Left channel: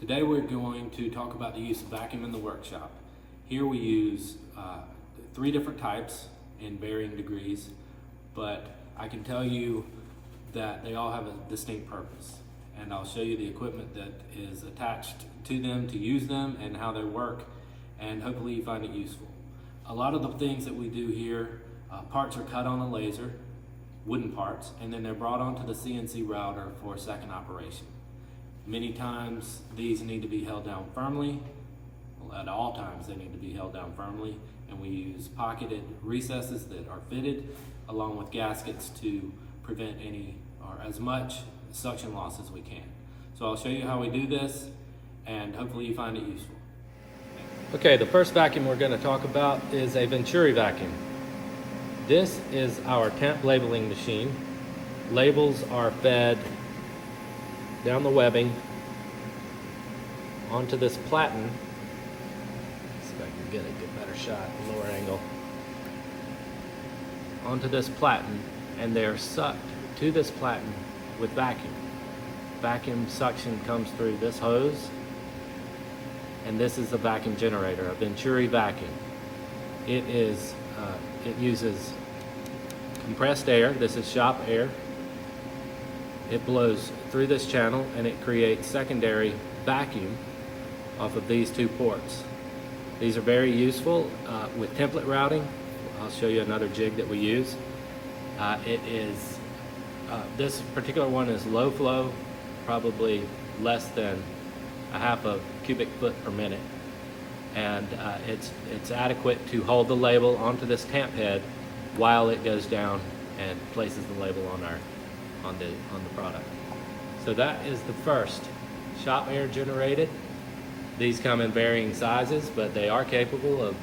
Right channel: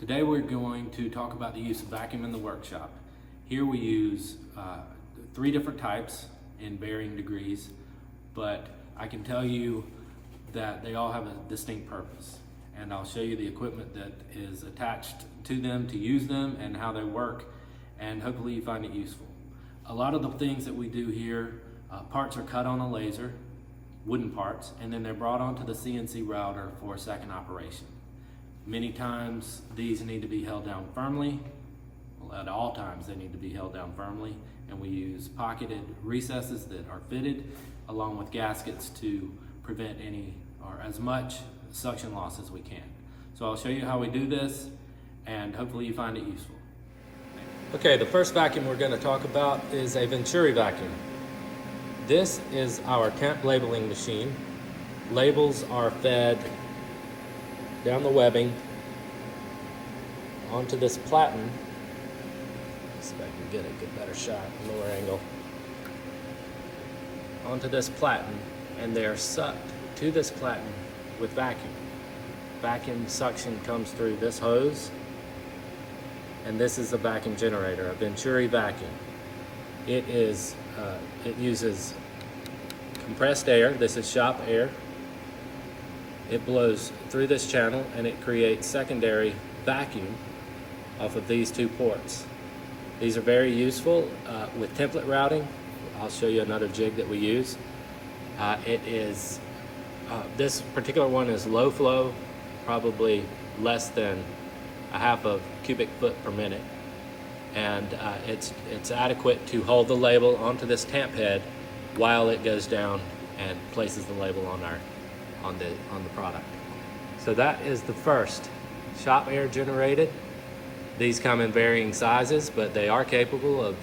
Today we're going to talk about the use of vacuum in the workshop. Here we use 3 different types in varying degrees, but I can tell you that they all have a distinct purpose. And I'll show you the equipment that is attached to them to use them and how they work, and hopefully you find it useful. A lot of the things that we do here, parts are cut on a laser, wooden parts, and then they're brought onto the CNC router for a second operation. Many times these need to be held down firmly. Well, at all times they need to be held down firmly, and we use pocketed recesses that are fitted along with gaskets to prevent any or as much suction loss as we can. So I'll show you how we do this, and hopefully you find it useful. Okay, the first vacuum we're going to talk about is a Venturi vacuum. This is our temp labeling machine. Labels are fed down the webbing onto this platen. Let's see if I can get a better shot, a lower angle. Onto this platen, and they're sucked to this platen with vacuum. Vacuum suction comes through this hose, and this is the vacuum generator, a Venturi vacuum. It uses compressed air. This is shop air. It blows through this channel and it creates secondary vacuum off of these 2 ports. These are very useful with template routing. I'll show you another jig that we use. This particular one is low flow, probably less than a half a cubic foot per minute. And it's adequate to hold the label onto this tamp head while it goes down and places the label on the product. So that is the first, shop air generated. These come in varying sizes, but they are capable of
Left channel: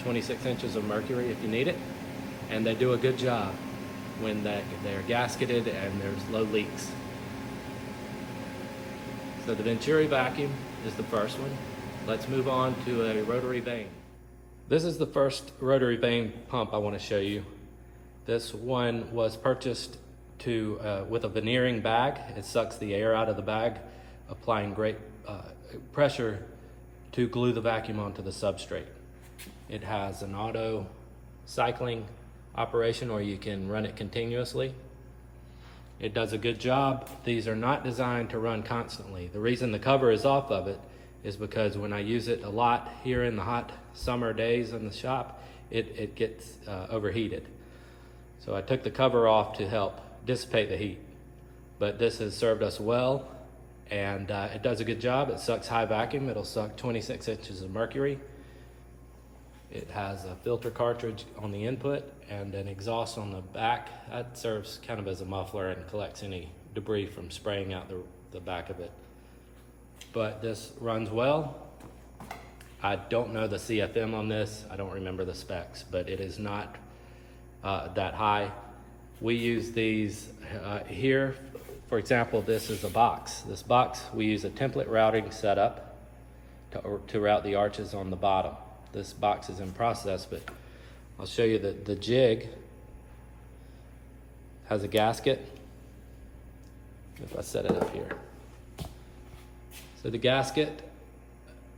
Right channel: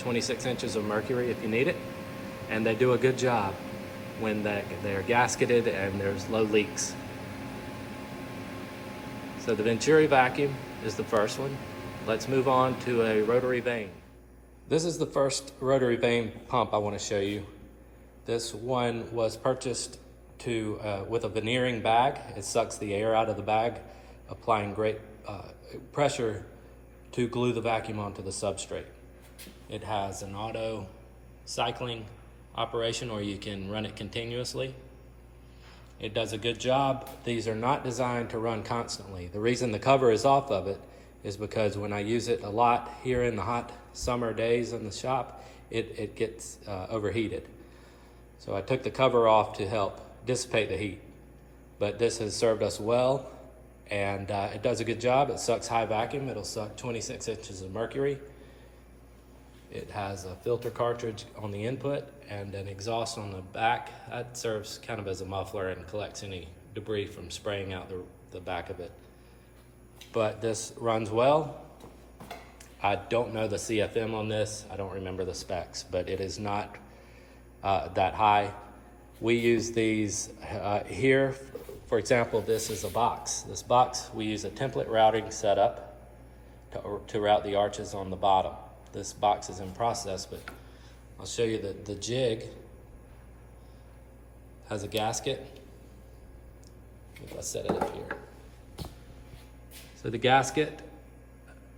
26 inches of mercury if you need it, and they do a good job when they're gasketed and there's low leaks. So the Venturi vacuum is the first one. Let's move on to a rotary vane. This is the first rotary vane pump I want to show you. This one was purchased with a veneering bag. It sucks the air out of the bag, applying great pressure to glue the vacuum onto the substrate. It has an auto cycling operation, or you can run it continuously. It does a good job. These are not designed to run constantly. The reason the cover is off of it is because when I use it a lot here in the hot summer days in the shop, it gets overheated. So I took the cover off to help dissipate the heat. But this has served us well, and it does a good job. It sucks high vacuum. It'll suck 26 inches of mercury. It has a filter cartridge on the input and an exhaust on the back. That serves kind of as a muffler and collects any debris from spraying out the back of it. But this runs well. I don't know the CFM on this. I don't remember the specs, but it is not that high. We use these here. For example, this is a box. This box, we use a template routing setup to route the arches on the bottom. This box is in process, but I'll show you that the jig has a gasket. If I set it up here. So the gasket,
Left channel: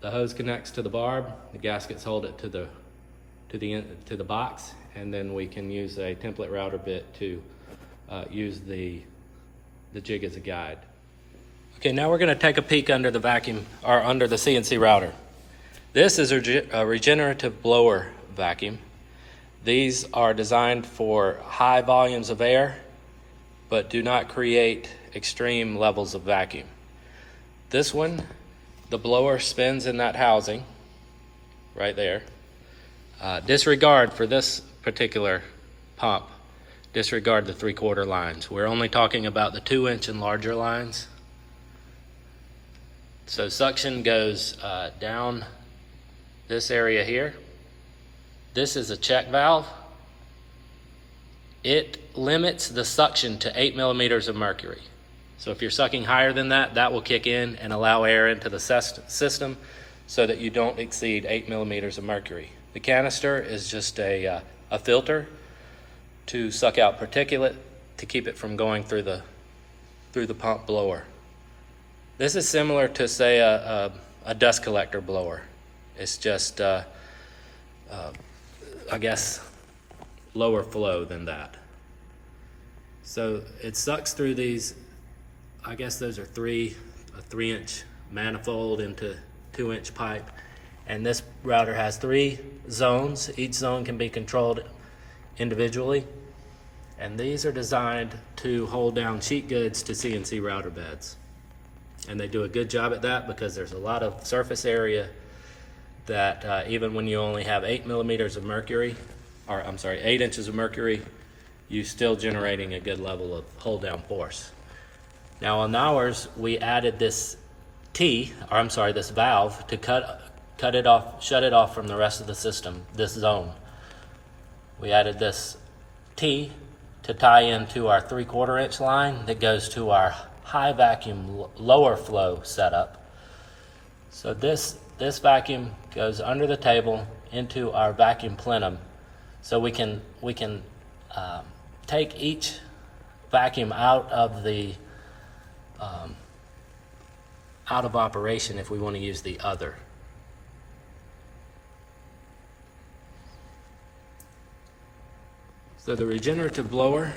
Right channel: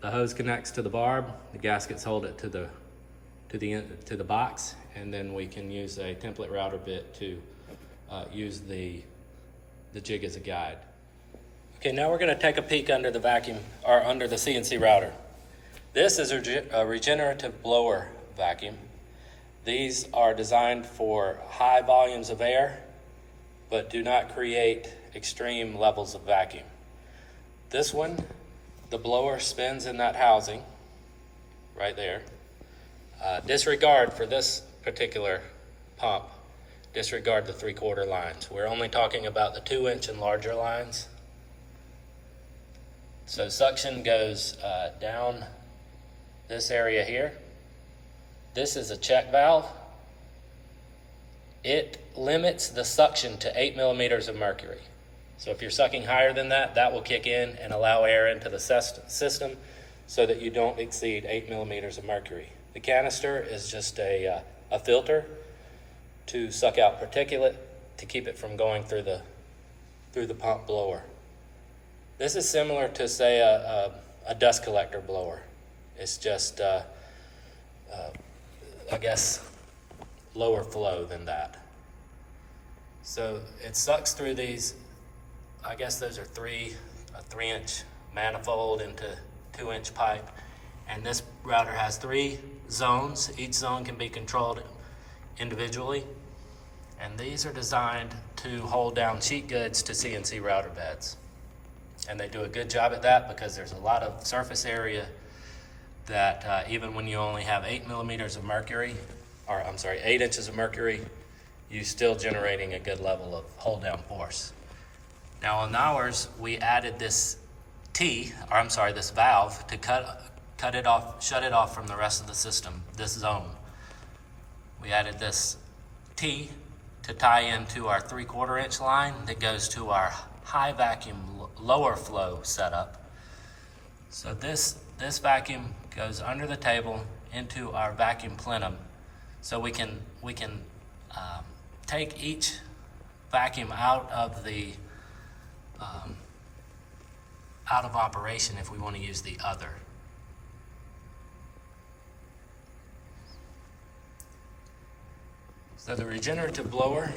the hose connects to the barb. The gaskets hold it to the box, and then we can use a template router bit to use the jig as a guide. Okay, now we're going to take a peek under the vacuum, or under the CNC router. This is a regenerative blower vacuum. These are designed for high volumes of air, but do not create extreme levels of vacuum. This one, the blower spins in that housing right there. Disregard for this particular pump, disregard the 3/4 lines. We're only talking about the 2-inch and larger lines. So suction goes down this area here. This is a check valve. It limits the suction to 8 millimeters of mercury. So if you're sucking higher than that, that will kick in and allow air into the system so that you don't exceed 8 millimeters of mercury. The canister is just a filter to suck out particulate to keep it from going through the pump blower. This is similar to, say, a dust collector blower. It's just, I guess, lower flow than that. So it sucks through these, I guess those are a 3-inch manifold into 2-inch pipe. And this router has 3 zones. Each zone can be controlled individually. And these are designed to hold down sheet goods to CNC router beds. And they do a good job at that because there's a lot of surface area that even when you only have 8 inches of mercury, you're still generating a good level of hold down force. Now on ours, we added this this valve to cut it off, shut it off from the rest of the system, this zone. We added this T to tie into our 3/4 inch line that goes to our high vacuum lower flow setup. So this vacuum goes under the table into our vacuum plenum, so we can take each vacuum out of the out of operation if we want to use the other. So the regenerative blower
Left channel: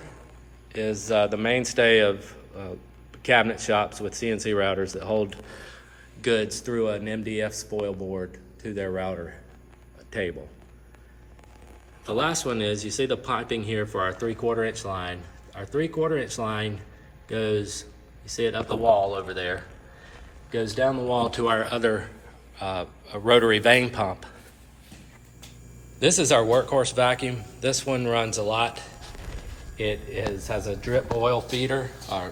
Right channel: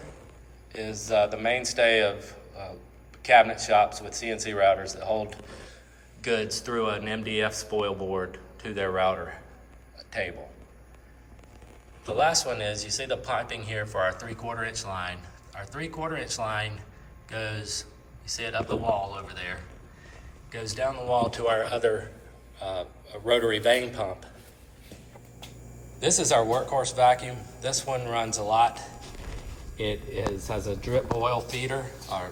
is the mainstay of cabinet shops with CNC routers that hold goods through an MDF spoil board to their router table. The last one is, you see the piping here for our 3/4 inch line. Our 3/4 inch line goes, you see it up the wall over there, goes down the wall to our other a rotary vane pump. This is our workhorse vacuum. This one runs a lot. It has a drip oil feeder, or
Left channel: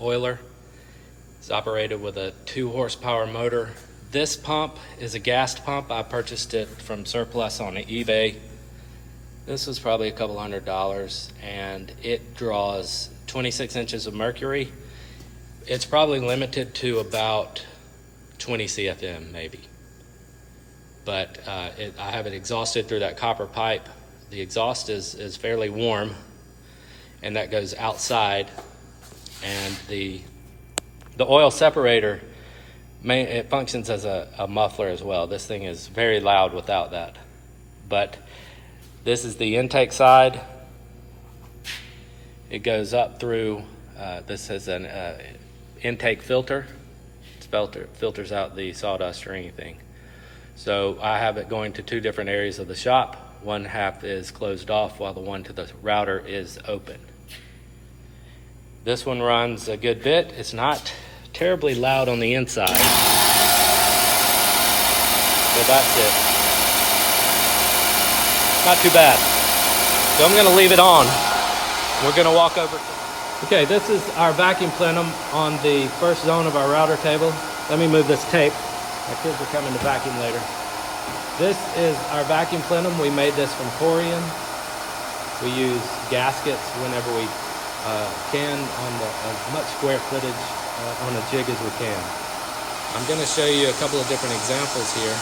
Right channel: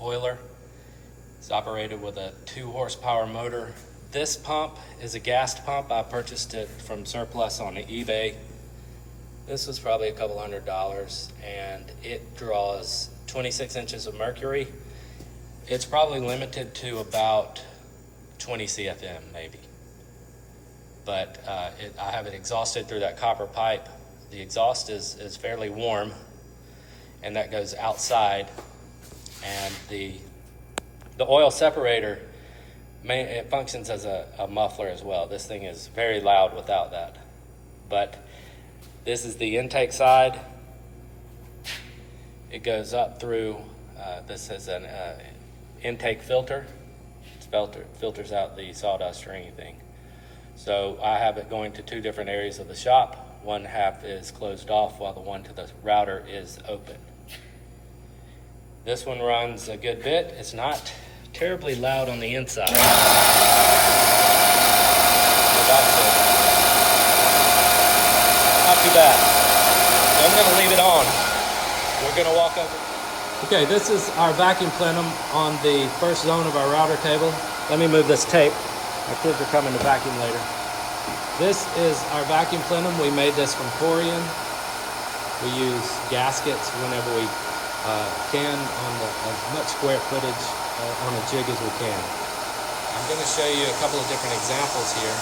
oiler. It's operated with a 2 horsepower motor. This pump is a gas pump. I purchased it from surplus on eBay. This was probably a couple $100, and it draws 26 inches of mercury. It's probably limited to about 20 CFM maybe. But I have it exhausted through that copper pipe. The exhaust is fairly warm, and that goes outside. And the oil separator, it functions as a muffler as well. This thing is very loud without that. But this is the intake side. It goes up through, this is an intake filter. It filters out the sawdust or anything. So I have it going to 2 different areas of the shop. One half is closed off while the one to the router is open. This one runs a good bit. It's not terribly loud on the inside. So that's it. Not too bad. So I'm gonna leave it on. We're gonna walk over. Okay, this is our vacuum plenum on the first zone of our router table. Let me move this tape. My kids are coming to vacuum later. This is our vacuum plenum. We made this from corium. We use gaskets whenever we can on as much square footage on a jig as we can. I'm going to show you a couple of different examples here,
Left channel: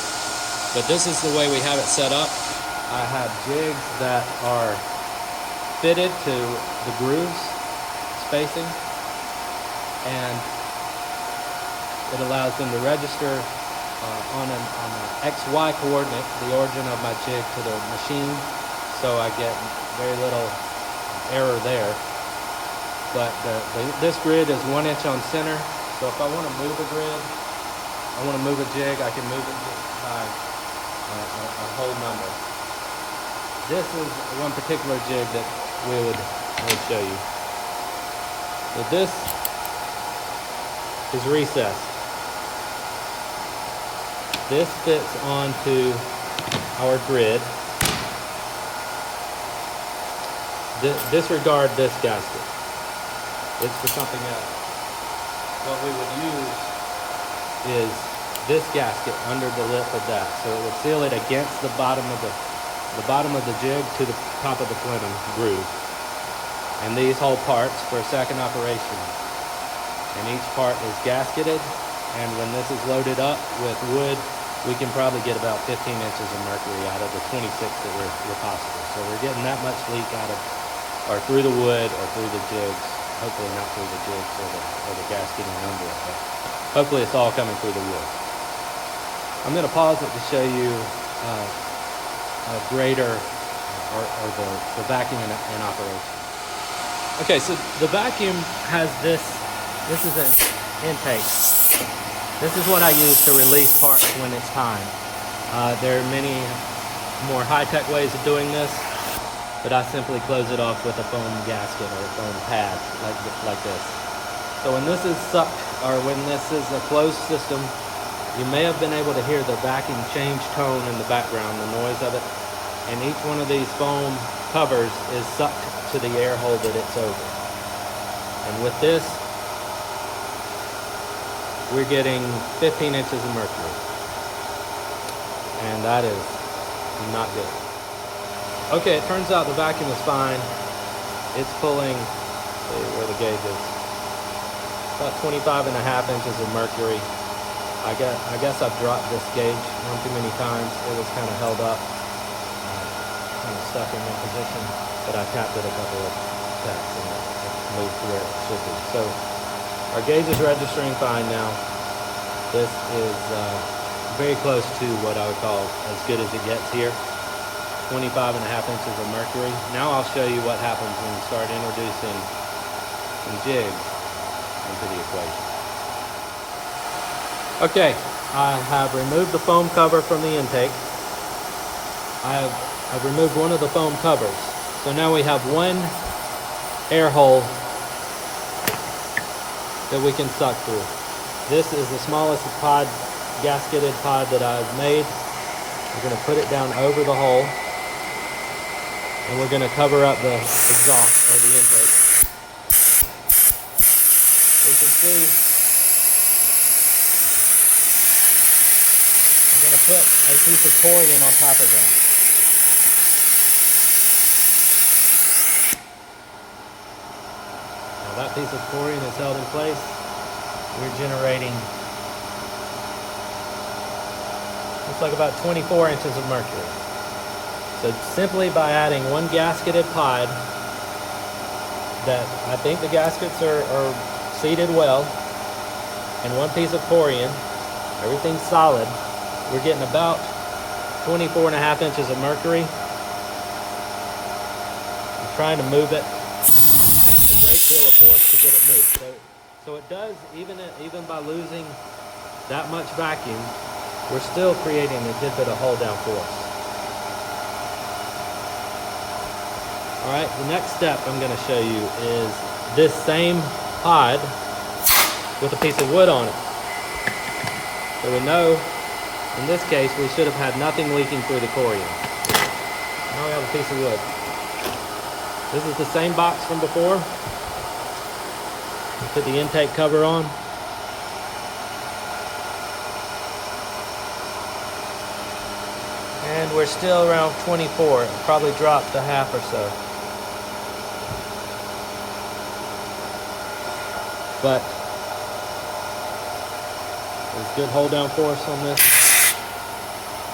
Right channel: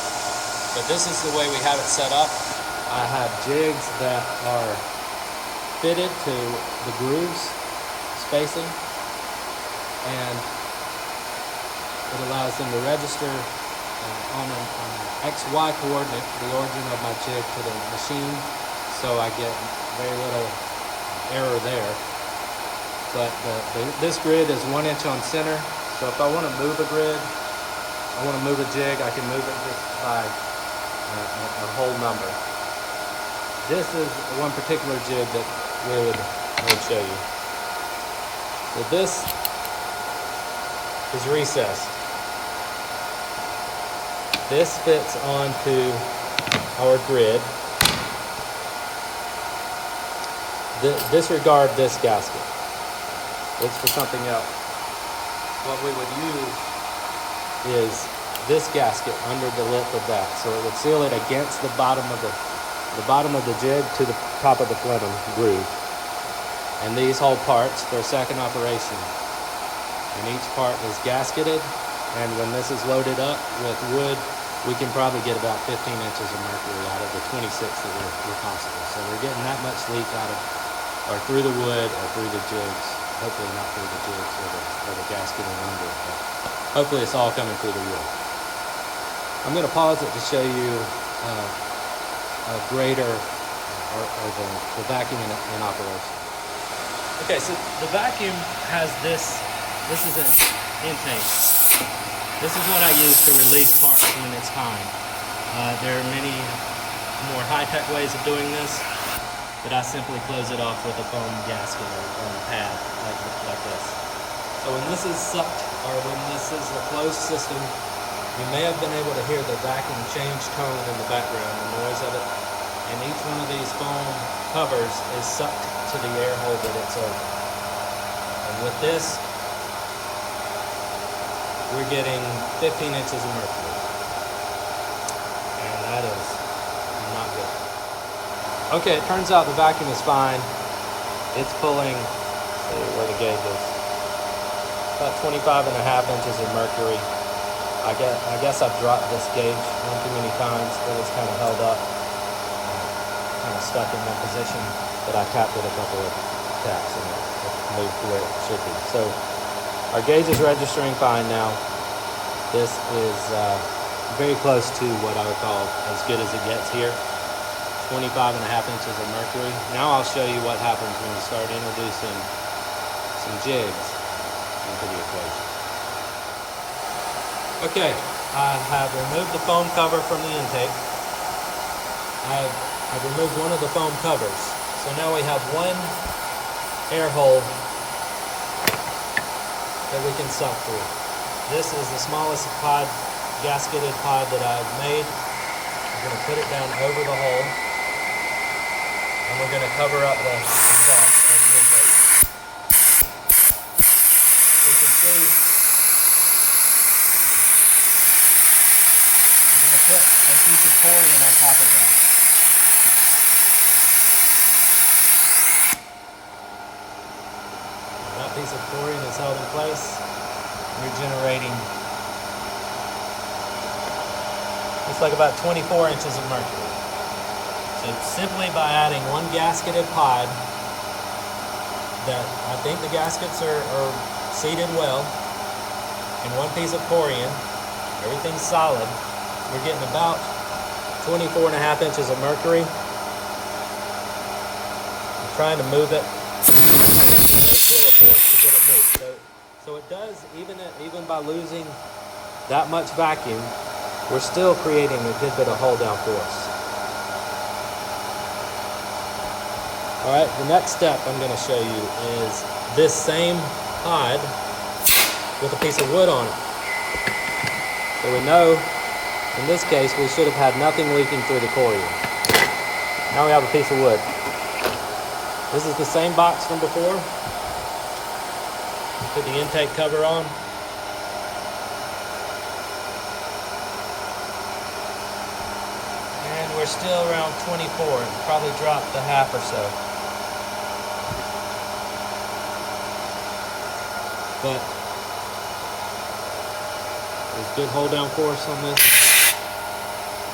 but this is the way we have it set up. I have jigs that are fitted to the grooves spacing, and it allows them to register on an XY coordinate, the origin of my jig to the machine, so I get very little error there. But this grid is 1 inch on center, so if I want to move a grid, I want to move a jig, I can move it just by a whole number. This is one particular jig that I would show you. So this is recessed. This fits onto our grid. Disregard this gasket. It's for something else. What we would use is this gasket under the lip of that, so it would seal it against the bottom of the jig to the top of the plenum groove. And these hold parts for a second operation. And each part is gasketed, and when this is loaded up with wood, we can probably get about 15 inches of mercury out of the 26 that were possible. So we're getting that much leak out of, or through the wood or through the jigs hopefully not through the jigs or the gasketing under it, but hopefully it's all coming through the wood. I'm going to pause it to show you a grater or the vacuum in operation. Okay, so the vacuum has this is an intake. This is what I use to release parts when it's time. There are many more high-tech ways of doing this, but I simply close it off with a foam gasket or a foam pad like this. So when this is sucked, or when this is a closed system, you may have been able to hear the vacuum change tone in the background, the noise of it. And each one of these foam covers is sucked to the air hole that it's over. And with this, we're getting 15 inches of mercury. And that is not good. Okay, it turns out the vacuum is fine. It's pulling, where the gauge is, about 25.5 inches of mercury. I guess I've dropped this gauge one too many times. It was kind of held up, kind of stuck in that position, but I tapped it a couple of taps and it moved to where it should be. So our gauge is registering fine now. This is very close to what I would call as good as it gets here. 25.5 inches of mercury. Now I'll show you what happens when you start introducing some jigs into the equation. Okay, I have removed the foam cover from the intake. I've removed one of the foam covers. So now we have one air hole that we can suck through. This is the smallest pod, gasketed pod that I've made. We're going to put it down over the hole, and we're going to cover up the exhaust or the intake. So you can see, I'm going to put a piece of corian on top of that. Now that piece of corian is held in place. We're generating, looks like about 24 inches of mercury. So simply by adding one gasketed pod, that I think the gaskets are seated well, and one piece of corian, everything's solid, we're getting about 24.5 inches of mercury. I'm trying to move it. It's a great deal of force to get it moved. So it does, even by losing that much vacuum, we're still creating a good bit of hold down force. All right, the next step I'm going to show you is this same pod with a piece of wood on it. So we know, in this case, we should have had nothing leaking through the corian. Now we have a piece of wood. This is the same box from before. Put the intake cover on. And we're still around 24. It probably dropped a half or so. But there's good hold down force on this,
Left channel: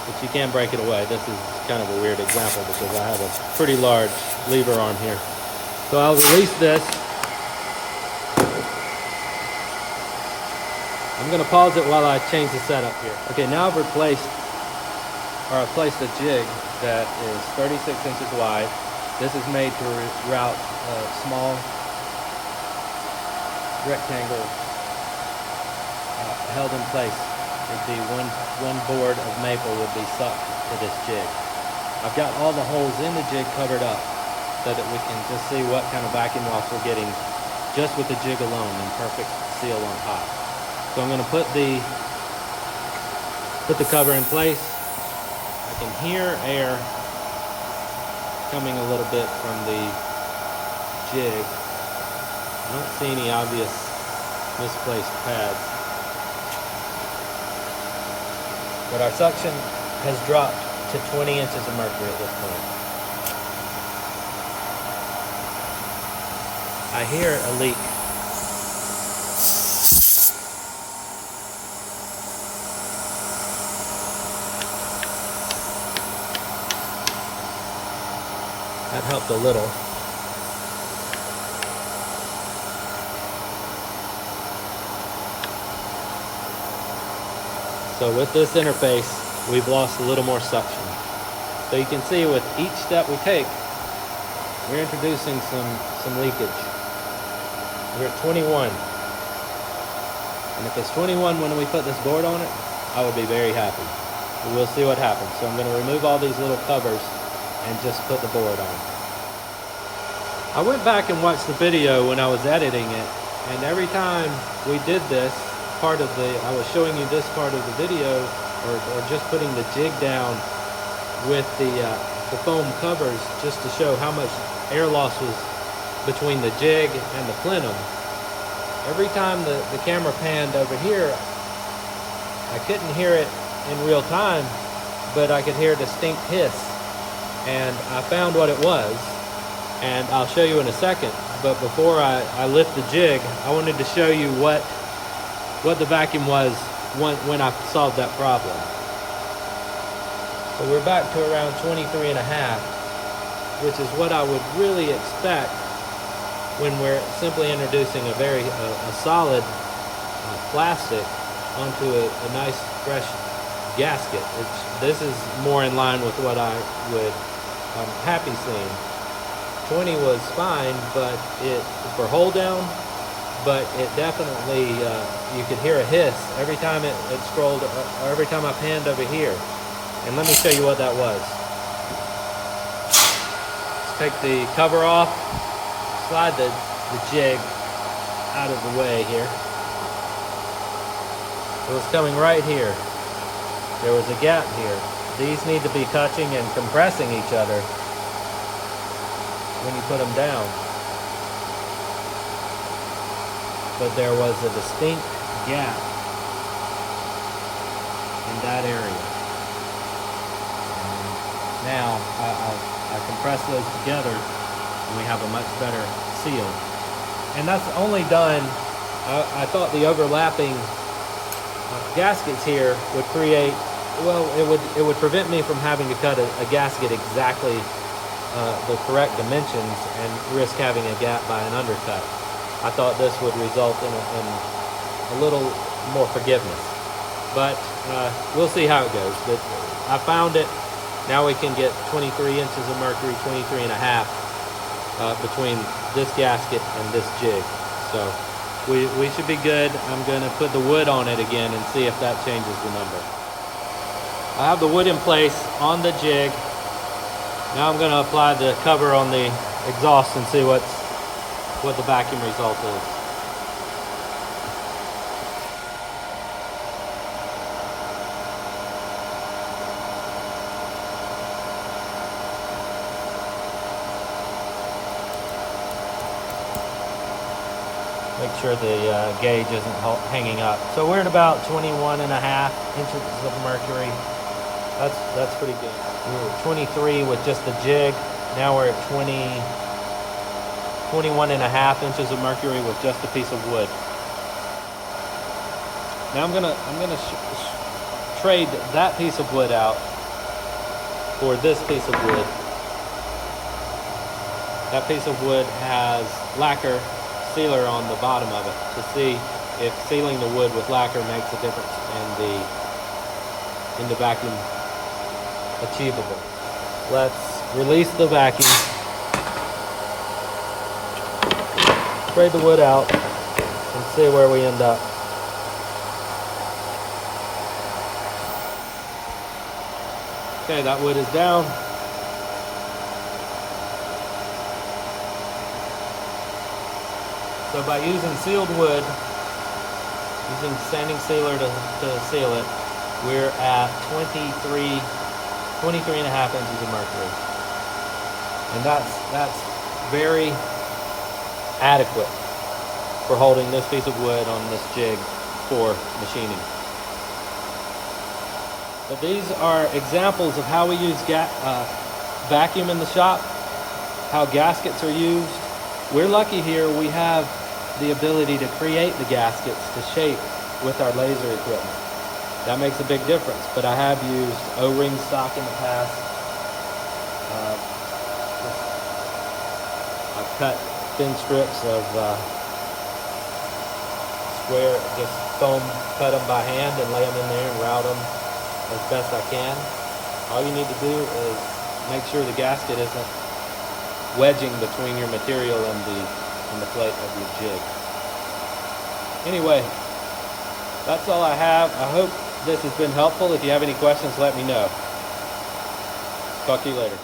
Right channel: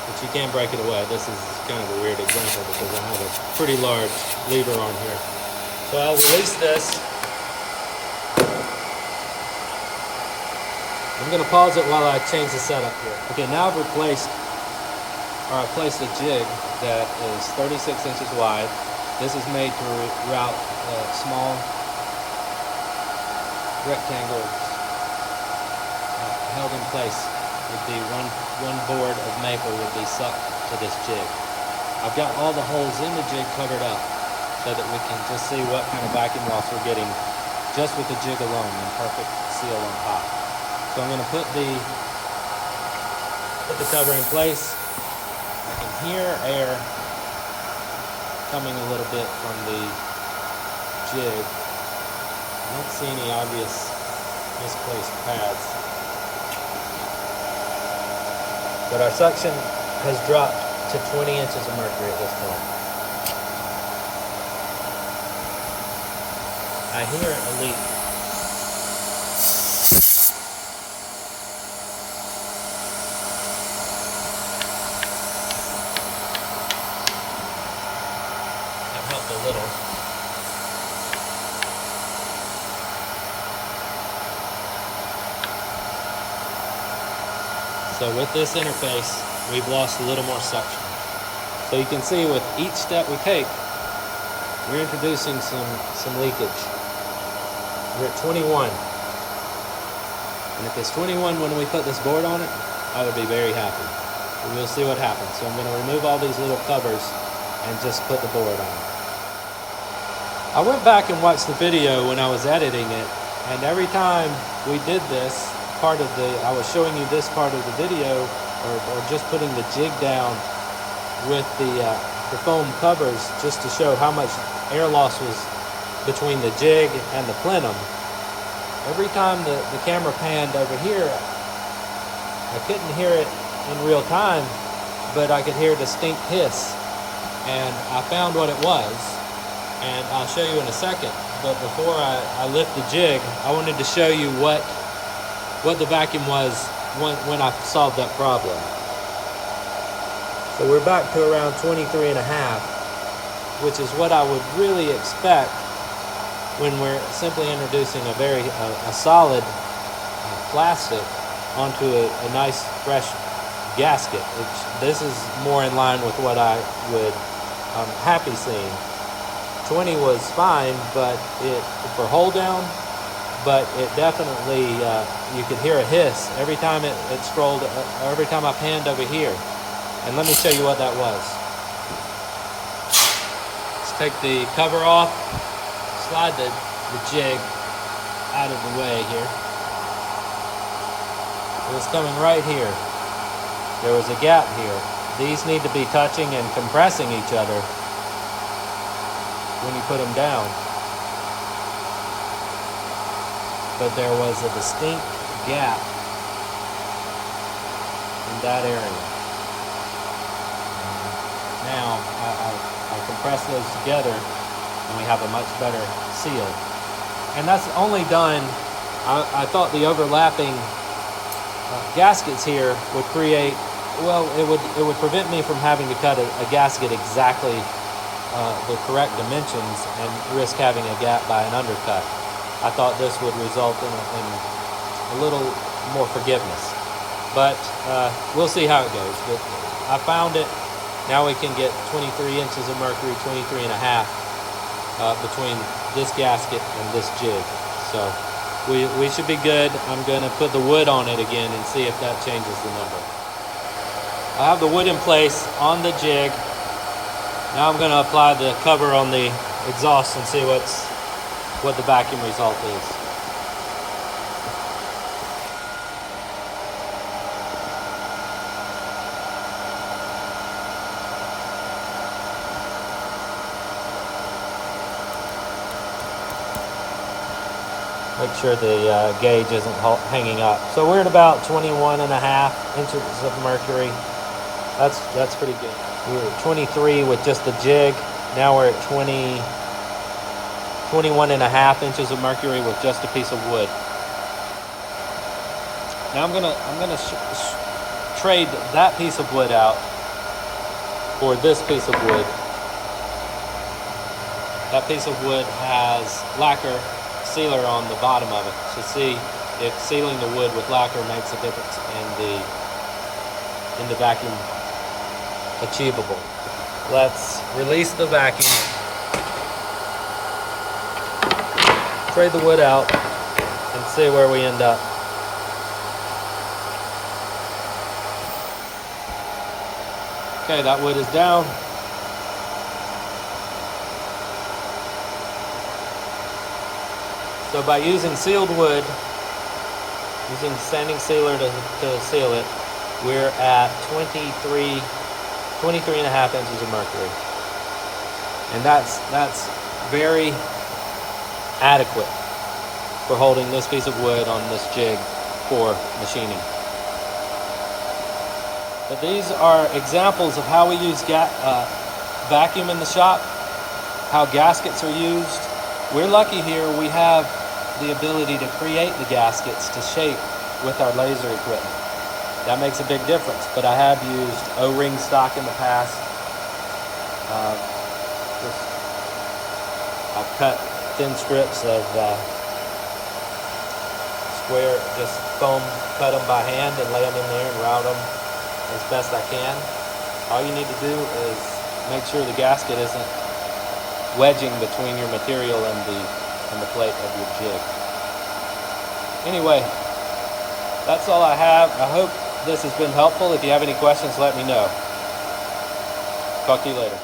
but you can't break it away. This is kind of a weird example because I have a pretty large lever on here. So I'll release this. I'm going to pause it while I change the setup here. Okay, now I've placed a jig that is 36 inches wide. This is made to route small rectangles held in place. It'd be one board of maple would be sucked to this jig. I've got all the holes in the jig covered up so that we can just see what kind of vacuum loss we're getting just with the jig alone and perfect seal on top. So I'm going to put the cover in place. I can hear air coming a little bit from the jig. I don't see any obvious misplaced pads. But our suction has dropped to 20 inches of mercury at this point. I hear a leak. That helped a little. So with this interface, we've lost a little more suction. So you can see with each step we take, we're introducing some leakage. We're at 21. And if it's 21 when we put this board on it, I would be very happy. But we'll see what happens. So I'm going to remove all these little covers and just put the board on. I went back and watched the video when I was editing it, and every time we did this, I was showing you this part of the video, or just putting the jig down with the foam covers, just to show how much air loss was between the jig and the plenum. Every time the camera panned over here, I couldn't hear it in real time, but I could hear a distinct hiss. And I found what it was, and I'll show you in a second. But before I lift the jig, I wanted to show you what the vacuum was when I solved that problem. So we're back to around 23.5, which is what I would really expect when we're simply introducing a solid plastic onto a nice fresh gasket. This is more in line with what I would happy seeing. 20 was fine, but for hold down, but it definitely, you could hear a hiss every time it scrolled, or every time I panned over here. And let me show you what that was. Let's take the cover off, slide the jig out of the way here. It was coming right here. There was a gap here. These need to be touching and compressing each other when you put them down. But there was a distinct gap in that area. Now I compress those together and we have a much better seal. And that's only done, I thought the overlapping gaskets here would create, well, it would prevent me from having to cut a gasket exactly the correct dimensions and risk having a gap by an undercut. I thought this would result in a little more forgiveness. But we'll see how it goes. But I found it. Now we can get 23 inches of mercury, 23 and a half between this gasket and this jig. So we should be good. I'm going to put the wood on it again and see if that changes the number. I have the wood in place on the jig. Now I'm going to apply the cover on the exhaust and see what the vacuum result is. Make sure the gauge isn't hanging up. So we're at about 21.5 inches of mercury. That's pretty good. We were at 23 with just the jig. Now we're at 21.5 inches of mercury with just a piece of wood. Now I'm gonna trade that piece of wood out for this piece of wood. That piece of wood has lacquer sealer on the bottom of it to see if sealing the wood with lacquer makes a difference in the vacuum achievable. Let's release the vacuum, trade the wood out, and see where we end up. Okay, that wood is down. So by using sealed wood, using sanding sealer to seal it, we're at 23.5 inches of mercury. And that's very adequate for holding this piece of wood on this jig for machining. But these are examples of how we use vacuum in the shop, how gaskets are used. We're lucky here we have the ability to create the gaskets to shape with our laser equipment. That makes a big difference, but I have used O-ring stock in the past. I've cut thin strips of square, just foam cut them by hand and lay them in there and route them as best I can. All you need to do is make sure the gasket isn't wedging between your material and the plate of your jig. Anyway, that's all I have. I hope this has been helpful. If you have any questions, let me know. Talk to you later.